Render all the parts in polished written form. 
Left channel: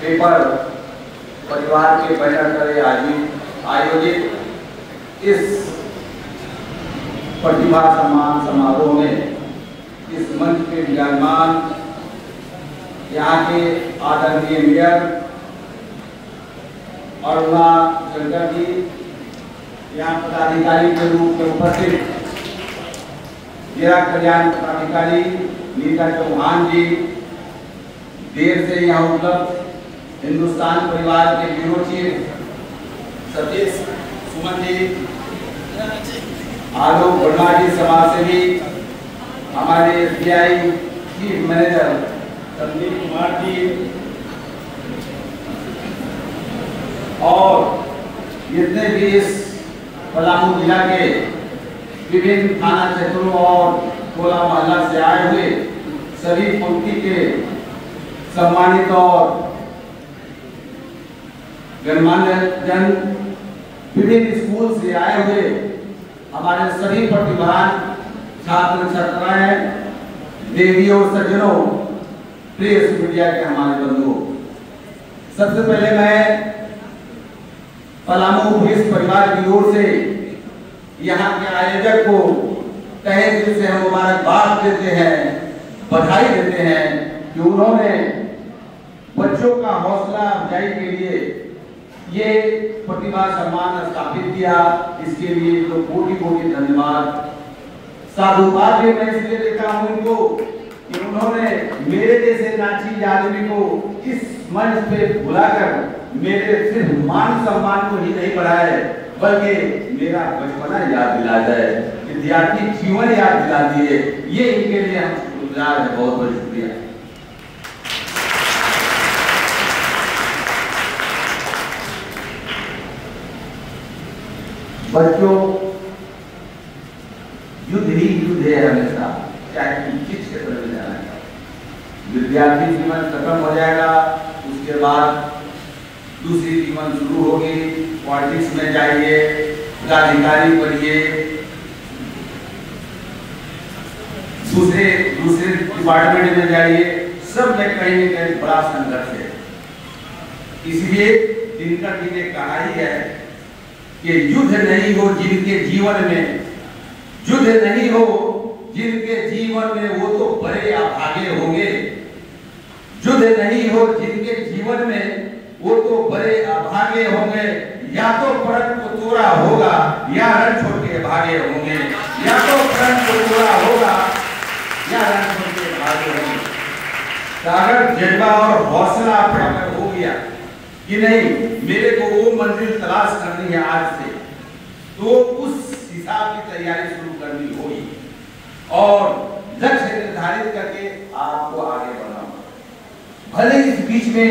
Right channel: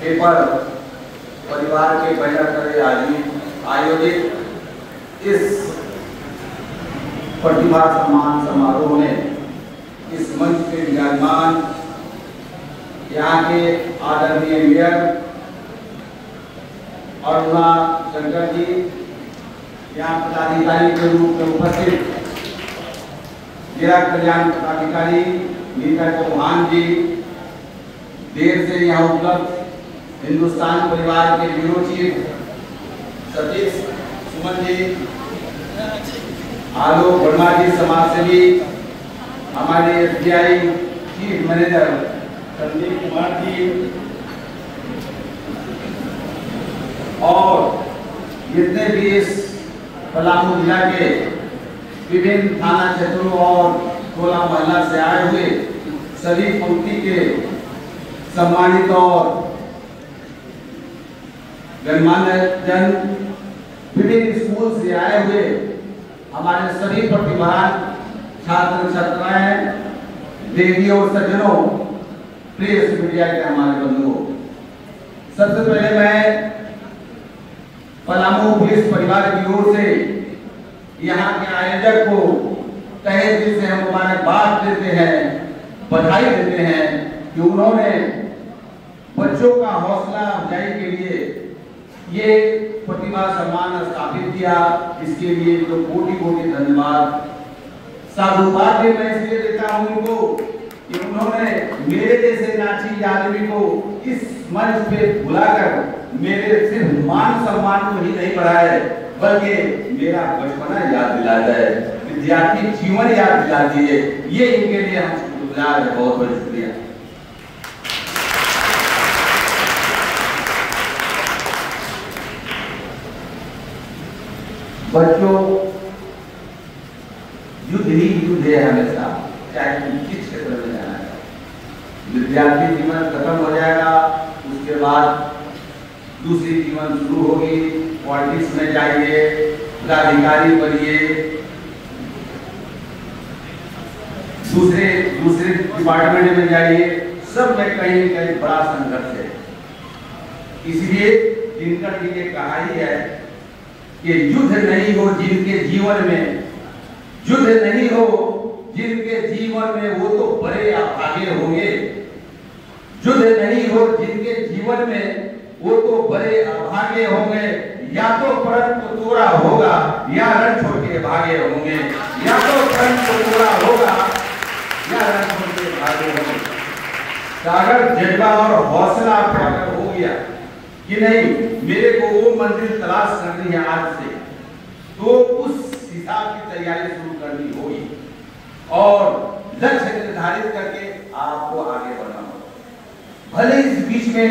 Paper परिवार के banner करे आयोजित इस प्रतिभा सम्मान समारोह में इस मंच के विराजमान यहाँ के आदरणीय मेयर अरुणा शंकर जी, यहाँ पदाधिकारी के रूप में उपस्थित जिला कल्याण पदाधिकारी नीता चौहान जी, देर से यहाँ उपलब्ध हिंदुस्तान परिवार के ब्यूरो चीफ सतीश सुमन जी, आलोक वर्मा जी समाजसेवी, हमारे SBI chief manager Sandeep Kumar ji और जितने भी इस पलामू जिला के विभिन्न थाना क्षेत्रों और टोला मोहल्ला से आए हुए सभी पंक्ति के सम्मानित और गणमान्य जन, विभिन्न स्कूल से आए हुए हमारे सभी प्रतिभावान छात्र छात्राएं, देवियों और सज्जनों, प्रिय मीडिया के हमारे बंधुओं, सबसे पहले मैं पलामू पुलिस परिवार की ओर से यहाँ के आयोजक को तहे दिल से हम मुबारकबाद देते हैं, बधाई देते हैं कि उन्होंने बच्चों का हौसला अफजाई के लिए ये प्रतिभा सम्मान स्थापित किया। इसके लिए तो कोटि कोटि धन्यवाद। साधुवाद भी मैं इसलिए देता हूँ उनको कि उन्होंने मेरे जैसे नाची आदमी को इस मंच पे बुलाकर मेरे सिर्फ मान सम्मान को ही नहीं बढ़ाए, बल्कि मेरा बचपना याद दिला जाए, विद्यार्थी जीवन याद दिला दिए। ये इनके लिए हम शुक्रगुजार हैं। बहुत बहुत शुक्रिया। बच्चों, युद्ध ही युद्ध है हमेशा, चाहे तुम किस क्षेत्र में जाना है। विद्यार्थी जीवन खत्म हो जाएगा, उसके बाद दूसरी जीवन शुरू होगी। पॉलिटिक्स में जाइए, पदाधिकारी बनिए, दूसरे डिपार्टमेंट में जाइए, सब में कहीं न कहीं बड़ा संघर्ष है। इसलिए दिनकर जी ने कहा ही है कि युद्ध नहीं हो जिनके जीवन में, युद्ध नहीं हो जिनके जीवन में, वो तो बड़े अभागे होंगे। युद्ध नहीं हो जिनके जीवन में, वो तो बड़े अभागे होंगे। या तो परम पुतुरा होगा या रण छोड़ के भागे होंगे, या तो परम पुतुरा होगा या रण छोड़ के भागे होंगे। अगर जज्बा और हौसला अगर हो गया कि नहीं मेरे को वो मंजिल तलाश करनी है आज से, तो उस हिसाब की तैयारी शुरू करनी होगी और लक्ष्य निर्धारित करके आपको आगे बढ़ना होगा। भले इस बीच में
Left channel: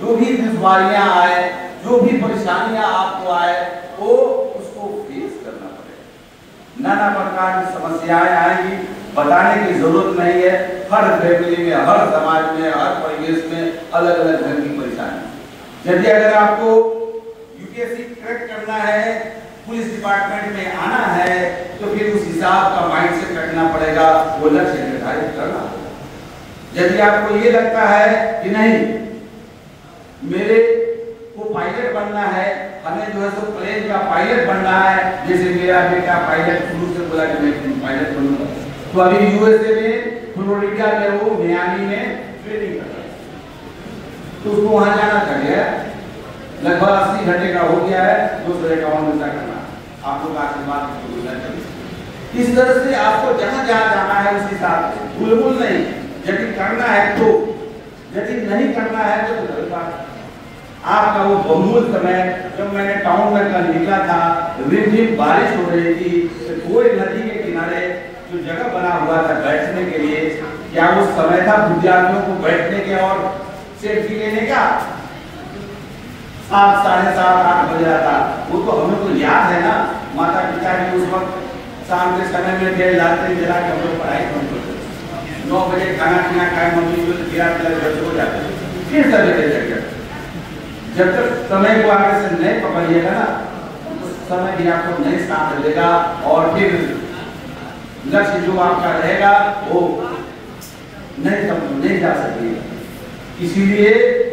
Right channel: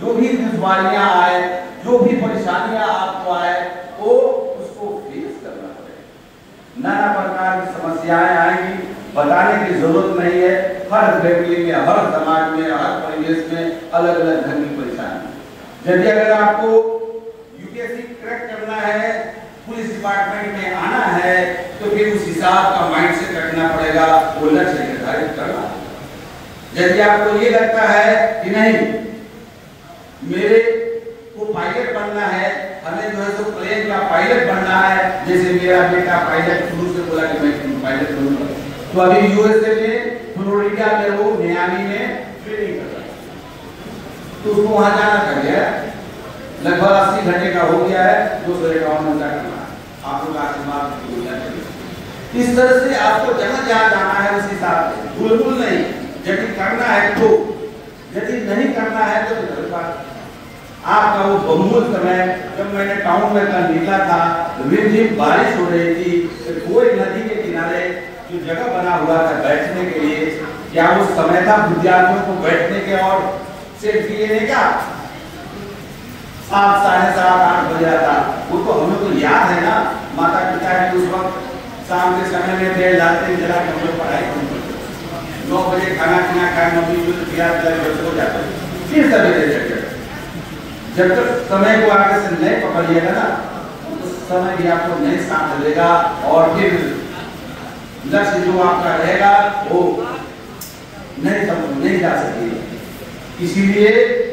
जो भी दुश्वारियां आए, जो भी परेशानियां आपको आए, वो उसको फेस करना पड़ेगा। नाना प्रकार की समस्याएं आएंगी, बताने की जरूरत नहीं है। हर फैमिली में, हर समाज में, हर परिवेश में अलग अलग ढंग की परेशानी। यदि अगर आपको यूपीएससी क्रैक करना है, पुलिस डिपार्टमेंट में आना है, तो फिर उस हिसाब का माइंडसेट रखना पड़ेगा, वो लक्ष्य निर्धारित करना होगा। यदि आपको ये लगता है कि नहीं मेरे को पायलट बनना है, हमें जो है सो प्लेन का पायलट बनना है, जैसे मेरा बेटा पायलट शुरू से बोला कि मैं पायलट बनूंगा, तो अभी यूएसए में फ्लोरिडा में वो मियामी में ट्रेनिंग कर रहा है, तो उसको वहां जाना चाहिए। लगभग 80 घंटे का हो गया है, 251 घंटा करना है। आपको आशीर्वाद बोलना चाहिए। इस तरह से आपको जहां जहां जाना है उस हिसाब से, बुलबुल नहीं। यदि करना है तो, यदि नहीं करना है तो गलत बात। आपका वो बहुमूल्य समय, जब मैंने टाउन में कल निकला था, रिमझिम बारिश हो रही थी, कोई नदी के किनारे जो जगह बना हुआ था बैठने के लिए, क्या उस समय था विद्यार्थियों को बैठने के और सेल्फी लेने का? 7, साढ़े 7, 8 बज रहा था। वो तो हमें तो याद है ना, माता पिता भी उस वक्त शाम के समय में देर जाते जरा हम लोग पढ़ाई करते, 9 बजे खाना पीना खाना हो जाता है। फिर सवेरे जगह जब तक समय को आगे से नहीं पकड़िएगा ना, उस समय भी आपको नहीं साथ देगा और फिर लक्ष्य जो आपका रहेगा वो नहीं जा सकेगा। इसीलिए